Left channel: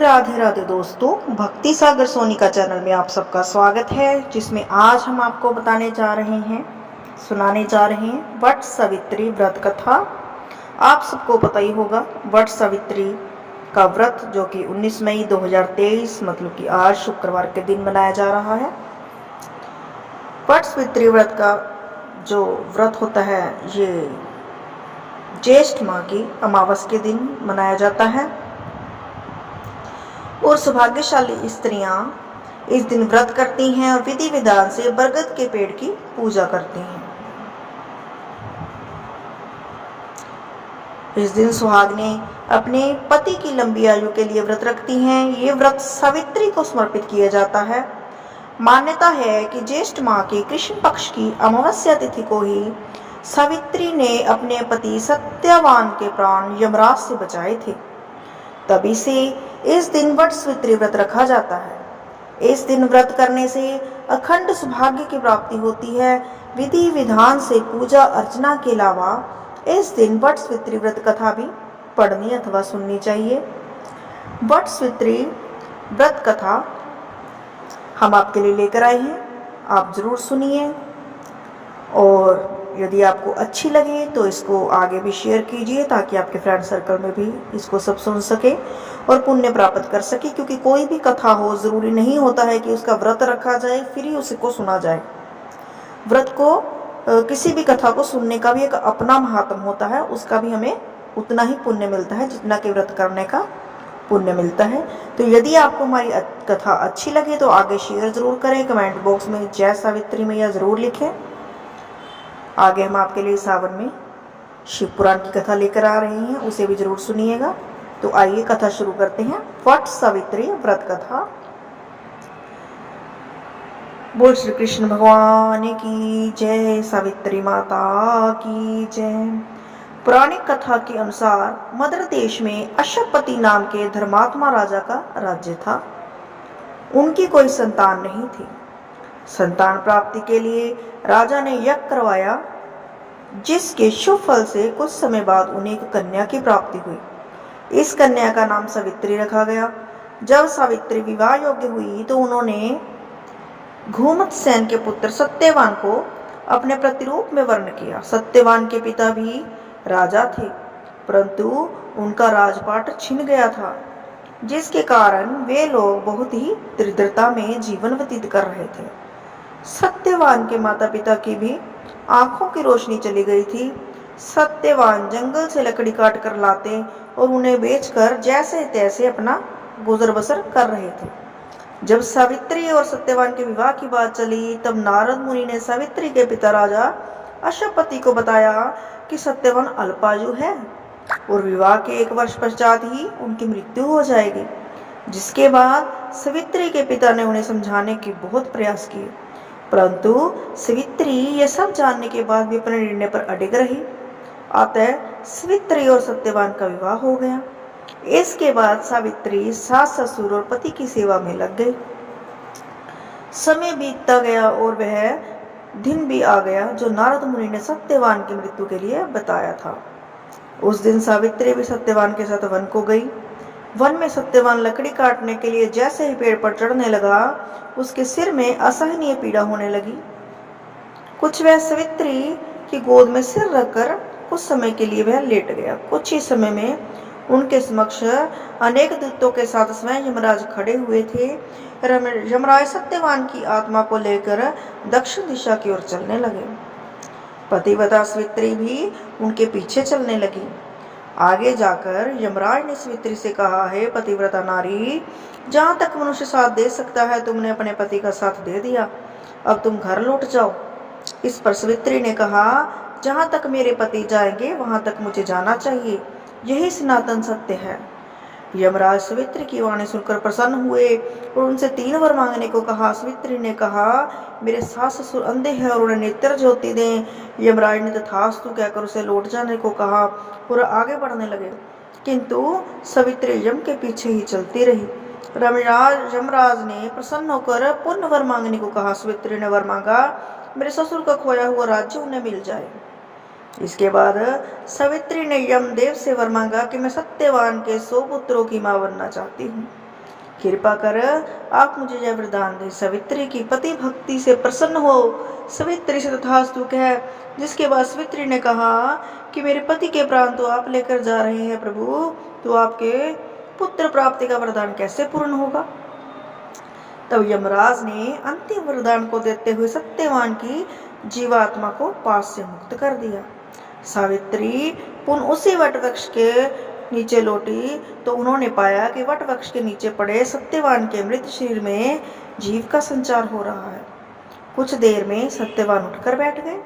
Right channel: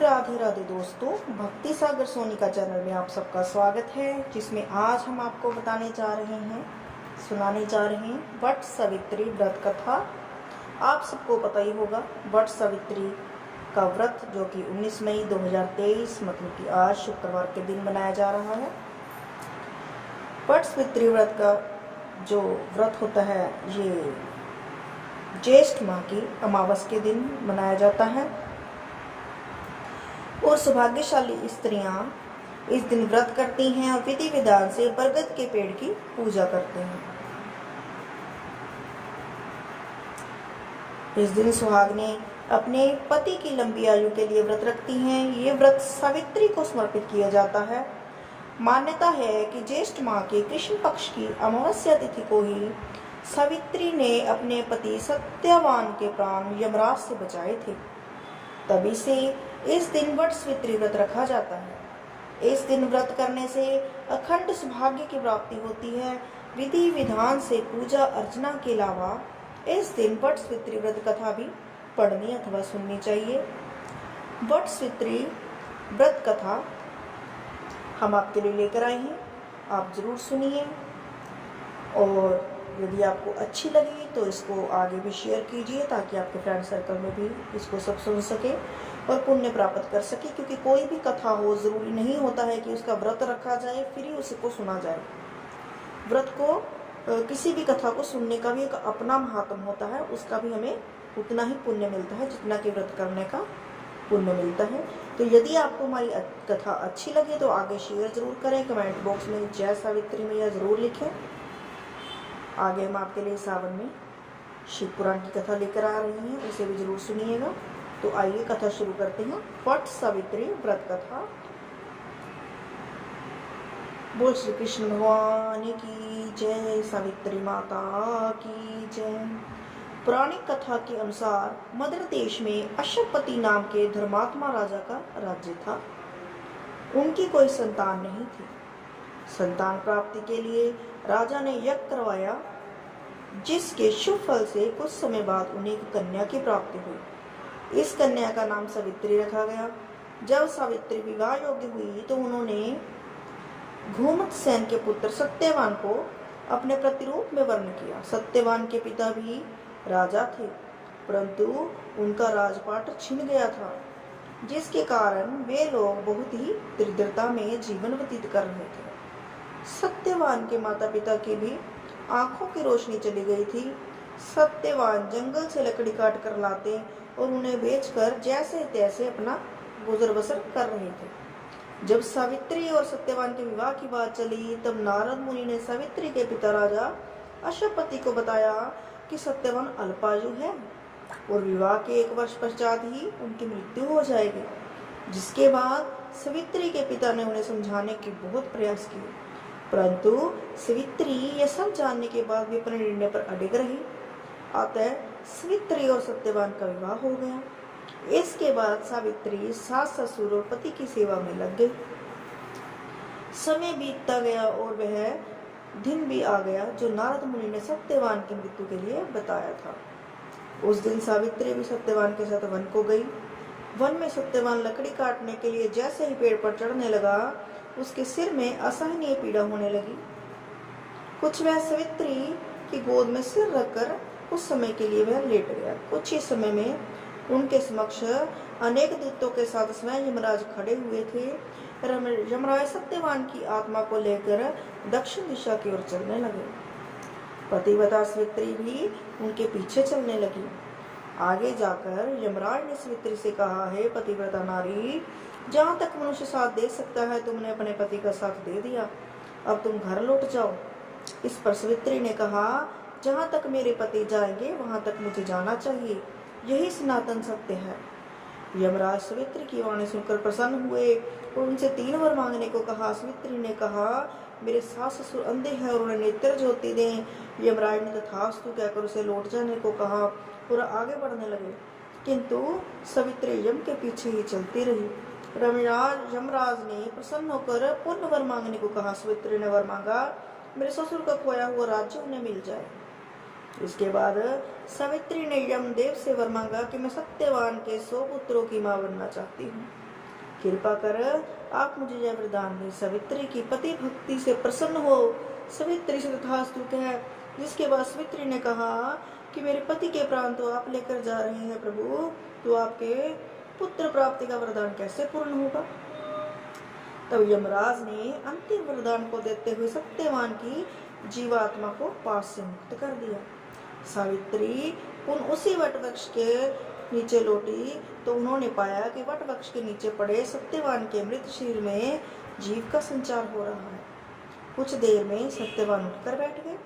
राधे राधे दोस्तों, भक्ति सागर सोनी का चैनल में आप सबका स्वागत है, जिसमें आज हम आपको सुनाने जा रहे हैं वट सावित्री व्रत कथा। आप सबको पता ही होगा वट सावित्री का व्रत, जो कि 19 मई 2023 मतलब कि आज शुक्रवार के दिन मनाया जा रहा है। वट सावित्री व्रत का जो व्रत होता है, ये ज्येष्ठ माह की अमावस के दिन मनाया जाता है और सौभाग्यशाली स्त्रियां इस दिन व्रत करती हैं और विधि विधान से बरगद के पेड़ की पूजा करती हैं। इस दिन सुहागिनें अपने पति की लंबी आयु के लिए व्रत रखती हैं। ये व्रत सावित्री को समर्पित किया जाता है। मान्यता है कि ज्येष्ठ माह के कृष्ण पक्ष की अमावस्या तिथि को ही सावित्री ने अपने पति सत्यवान के प्राण यमराज से बचाए थे। तभी से इस दिन वट सावित्री व्रत रखा जाता है। इस दिन व्रत करने से अखंड सौभाग्य की प्राप्ति होती है। विधि विधान से पूजा अर्चना के अलावा इस दिन वट सावित्री व्रत कथा भी पढ़नी अथवा सुननी चाहिए। वट सावित्री व्रत कथा हम आपके लिए लेकर आए हैं, आप जरूर सुनिए और यदि आपको अच्छी लगे तो इसको आगे भी शेयर कीजिए, ताकि आपके फ्रेंड सर्कल में भी इसको सब सुन सके और पुण्य प्राप्त कर सके। क्योंकि कोई भी कथा हो, जरूरी नहीं होता है कि उसका व्रत रखा जाए फिर ही उसको सुना जाए। व्रत को किसी भी कथा को सुनने का भी एक अपना महात्म होता है, उसका भी हमें उतना ही पुण्य मिलता है जितना कि व्रत करने का पुण्य मिलता है। तो यदि आपको हमारी कथा अच्छी लगे तो आगे शेयर जरूर करें, कमेंट बॉक्स में जय सावित्री मैया जरूर लिखें। आगे हम आपके लिए सावन में शिव पुराण की कथा लेकर आ रहे हैं, उसे भी जरूर सुनिएगा। तो आइए कथा शुरू करते हैं। वट सावित्री व्रत कथा। बोल श्री कृष्ण भगवान की जय, सावित्री माता की जय। पौराणिक कथा के अनुसार मद्र देश में अशोकपति नाम के धर्मात्मा राजा का राज्य था। उनकी कोई संतान नहीं थी। संतान प्राप्ति के लिए राजा ने यज्ञ करवाया, जिसके शुभ फल से कुछ समय बाद उन्हें एक कन्या की प्राप्ति हुई। इस कन्या का नाम सावित्री रखा गया। जब सावित्री विवाह योग्य हुई तो उन्होंने घूमतसेन के पुत्र सत्यवान को अपने प्रतिरूप में वर्ण किया। सत्यवान के पिता भी राजा थे, परंतु उनका राजपाट छिन गया था, जिसके कारण वे लोग बहुत ही दरिद्रता में जीवन व्यतीत कर रहे थे। सत्यवान के माता पिता की भी आंखों की रोशनी चली गई थी। सत्यवान जंगल से लकड़ी काट कर लाते और उन्हें बेचकर जैसे तैसे अपना गुजर बसर कर रहे थे। जब सावित्री और सत्यवान के विवाह की बात चली, तब नारद मुनि ने सावित्री के पिता राजा अशोकपति को बताया कि सत्यवान अल्पायु है और विवाह के 1 वर्ष पश्चात ही उनकी मृत्यु हो जाएगी। जिसके बाद सावित्री के पिता ने उन्हें समझाने के बहुत प्रयास किए, परंतु सावित्री यह सब जानने के बाद भी अपने निर्णय पर अडिग रही। अतः सावित्री और सत्यवान का विवाह हो गया। इसके बाद सावित्री सास ससुर और पति की सेवा में लग गई। समय बीतता गया और वह दिन भी आ गया जो नारद मुनि ने सत्यवान की मृत्यु के लिए बताया था। उस दिन सावित्री भी सत्यवान के साथ वन को गई। वन में सत्यवान लकड़ी काटने के लिए जैसे ही पेड़ पर चढ़ने लगा, उसके सिर में असहनीय पीड़ा होने लगी। कुछ वह सावित्री की गोद में सिर रखकर कुछ समय के लिए वह लेट गया। कुछ ही समय में उनके समक्ष अनेक दूतों के साथ स्वयं यमराज खड़े हुए थे। यमराज सत्यवान की आत्मा को लेकर दक्षिण दिशा की ओर चलने लगे। पतिव्रता सावित्री भी उनके पीछे चलने लगी। आगे जाकर यमराज ने सावित्री से कहा, हे पतिव्रता नारी, जहाँ तक मनुष्य साथ दे सकता है तुमने अपने पति का साथ दे दिया, अब तुम घर लौट जाओ। इस पर सावित्री ने कहा, जहाँ तक मेरे पति जाएंगे वहां तक मुझे जाना चाहिए, यही सनातन सत्य है। यमराज सावित्री की वाणी सुनकर प्रसन्न हुए और उनसे 3 वर मांगने को कहा। सावित्री ने कहा, मेरे सास ससुर अंधे हैं और उन्हें नेत्र ज्योति दें। यमराज ने तथास्तु कहकर उसे लौट जाने को कहा और आगे बढ़ने लगे, किंतु सावित्री यम के पीछे ही चलती रही। यमराज ने प्रसन्न होकर पुनः वर मांगने को कहा। सावित्री ने वर मांगा, मेरे ससुर का खोया हुआ राज्य उन्हें मिल जाए। इसके बाद सावित्री ने यमदेव से वर मांगा कि मैं सत्यवान के 100 पुत्रों की मां बनना चाहती हूँ। कृपा कर आप मुझे यह वरदान दें। सावित्री की पति भक्ति से प्रसन्न हो सावित्री से तथास्तु कह। जिसके बाद सावित्री ने कहा कि मेरे पति के प्राण तो आप लेकर जा रहे हैं प्रभु, तो आपके पुत्र प्राप्ति का वरदान कैसे पूर्ण होगा। तब यमराज ने अंतिम वरदान को देते हुए सत्यवान की जीवात्मा को पास से मुक्त कर दिया। सावित्री पुनः उसी वटवृक्ष के नीचे लौटी तो उन्होंने पाया कि वटवृक्ष के नीचे पड़े सत्यवान के मृत शरीर में जीव का संचार हो रहा है। कुछ देर में सत्यवान उठकर बैठ गए।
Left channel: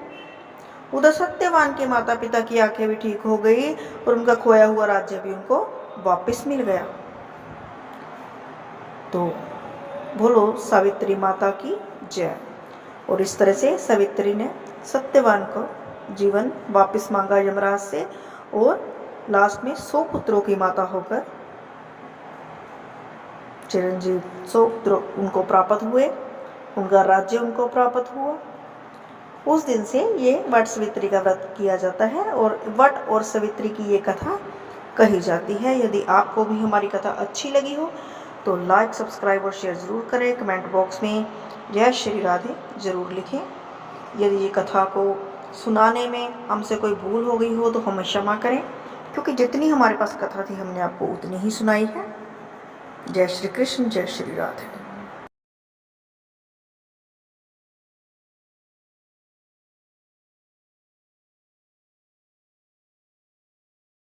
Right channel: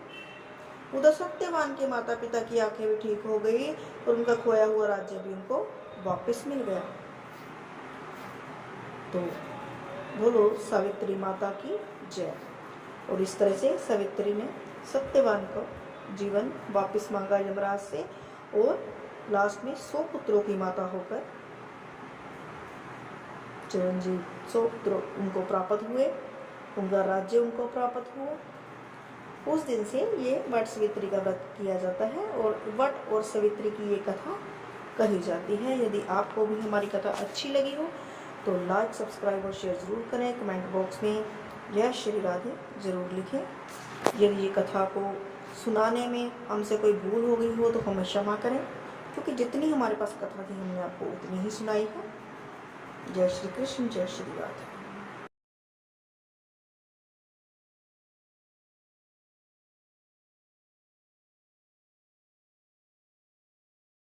उधर सत्यवान के माता पिता की आंखें भी ठीक हो गई और उनका खोया हुआ राज्य भी उनको वापस मिल गया। तो बोलो सावित्री माता की जय। और इस तरह से सावित्री ने सत्यवान को जीवन वापस मांगा यमराज से और लास्ट में 100 पुत्रों की माता होकर चिरंजीव 100 पुत्र उनको प्राप्त हुए, उनका राज्य उनको प्राप्त हुआ। उस दिन से ये वट सावित्री का व्रत किया जाता है और वट और सावित्री की ये कथा कही जाती है। यदि आपको भी हमारी कथा अच्छी लगी हो तो लाइक, सब्सक्राइब और शेयर ज़रूर करें। कमेंट बॉक्स में जय श्री राधे ज़रूर लिखें। यदि ये कथा को सुनाने में हमसे कोई भूल हो गई हो तो हमें क्षमा करें, क्योंकि जितनी हमारे पास कथा थी हमने आपको उतनी ही सुनाई है। जय श्री कृष्ण, जय श्री राधे।